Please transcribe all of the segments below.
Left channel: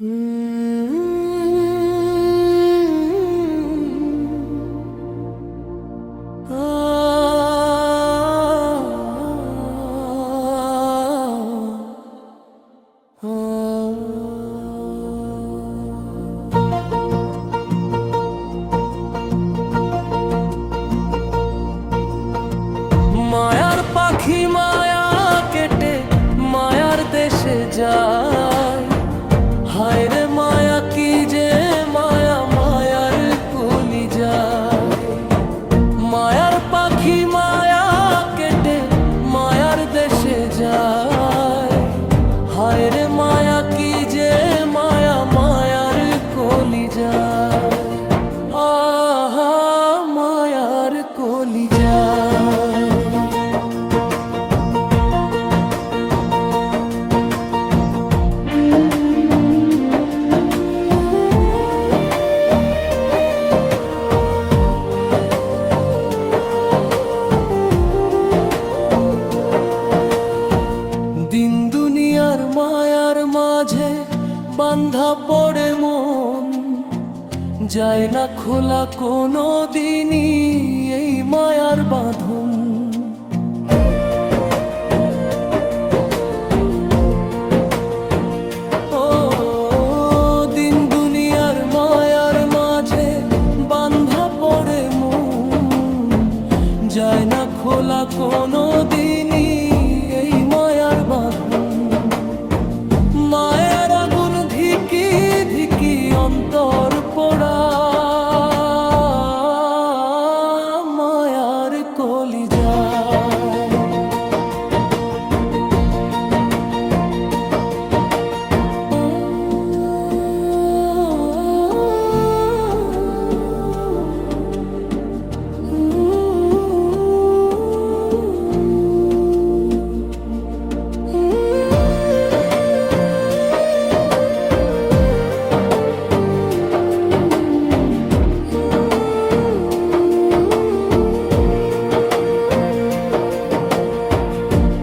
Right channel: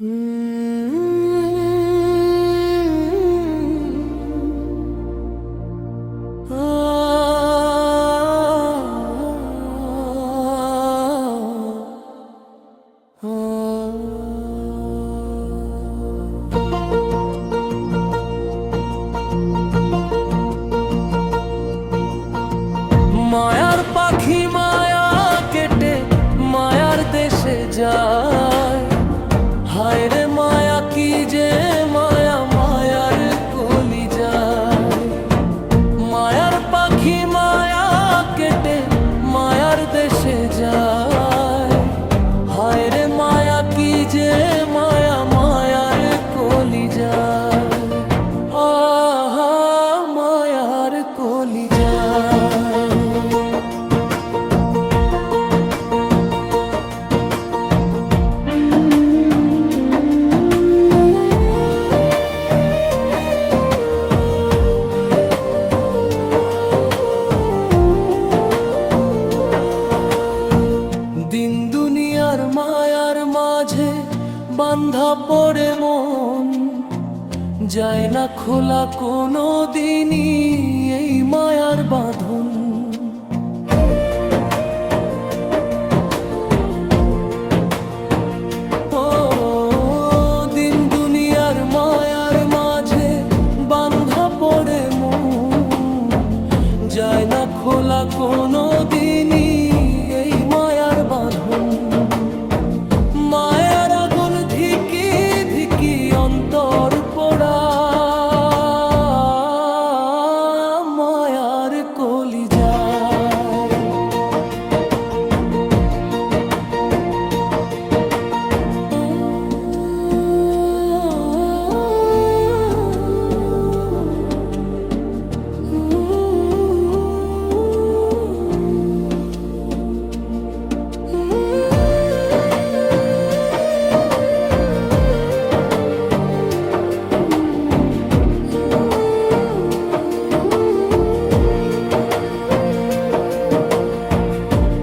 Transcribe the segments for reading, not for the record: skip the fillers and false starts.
মায়ার পাখি মায়া কেটে মায়ার দেশে যায়। হায় রে মায়া কি যে মায়া, মায়ার কলি যায়। মায়ার পাখি মায়া কেটে মায়ার দেশে যায়। হায় রে মায়া কি যে মায়া, মায়ার কলি যায়। আহা মায়ার কলি যায়। দিন দুনিয়ার মায়ার মাঝে বান্ধা পড়ে মন, যায় না খোলা কোনো দিনই এই মায়ার বাঁধন। ও দিন দুনিয়ার মায়ার মাঝে বান্ধা পড়ে মন, যায় না খোলা কোনো দিনই এই মায়ার বাঁধন। মায়ার আগুন ধিকি ধিকি অন্তর পোড়া, মায়ার কলি যায়।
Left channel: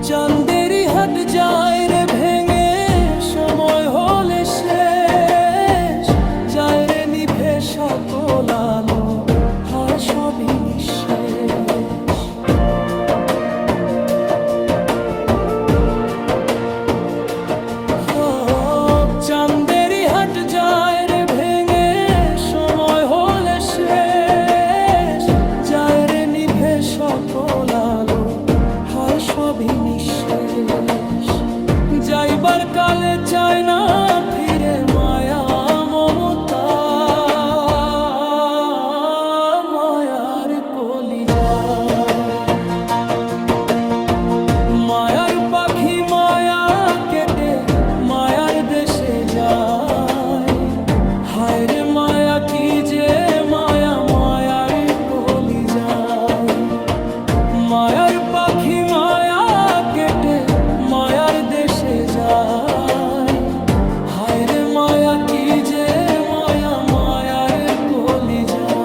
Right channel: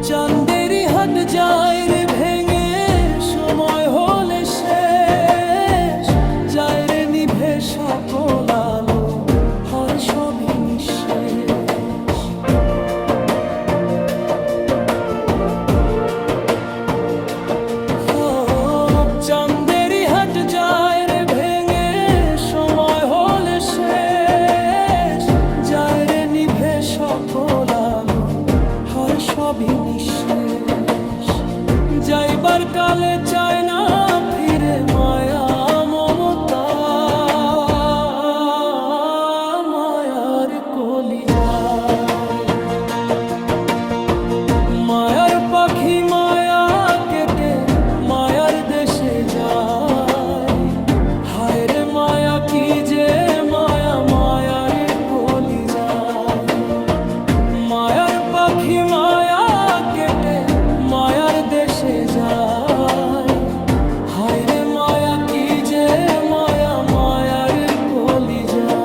চাঁদেরই হাট যায় রে ভেঙে, সময় হলে শেষ যায় রে নিভে সকল আলো, হয় সবই নিঃশেষ। চাঁদেরই হাট যায় রে ভেঙে, সময় হলে শেষ যায় রে নিভে সকল আলো, হয় সবই নিঃশেষ। যাইবার কালে চায় না ফিরে মায়া মমতা, মায়ার কলি যায়। মায়ার পাখি মায়া কেটে মায়ার দেশে যায়। হায় রে মায়া কি যে মায়া, মায়ার কলি যায়। মায়ার পাখি মায়া কেটে মায়ার দেশে যায়। হায় রে মায়া কি যে মায়া, মায়ার কলি যায়।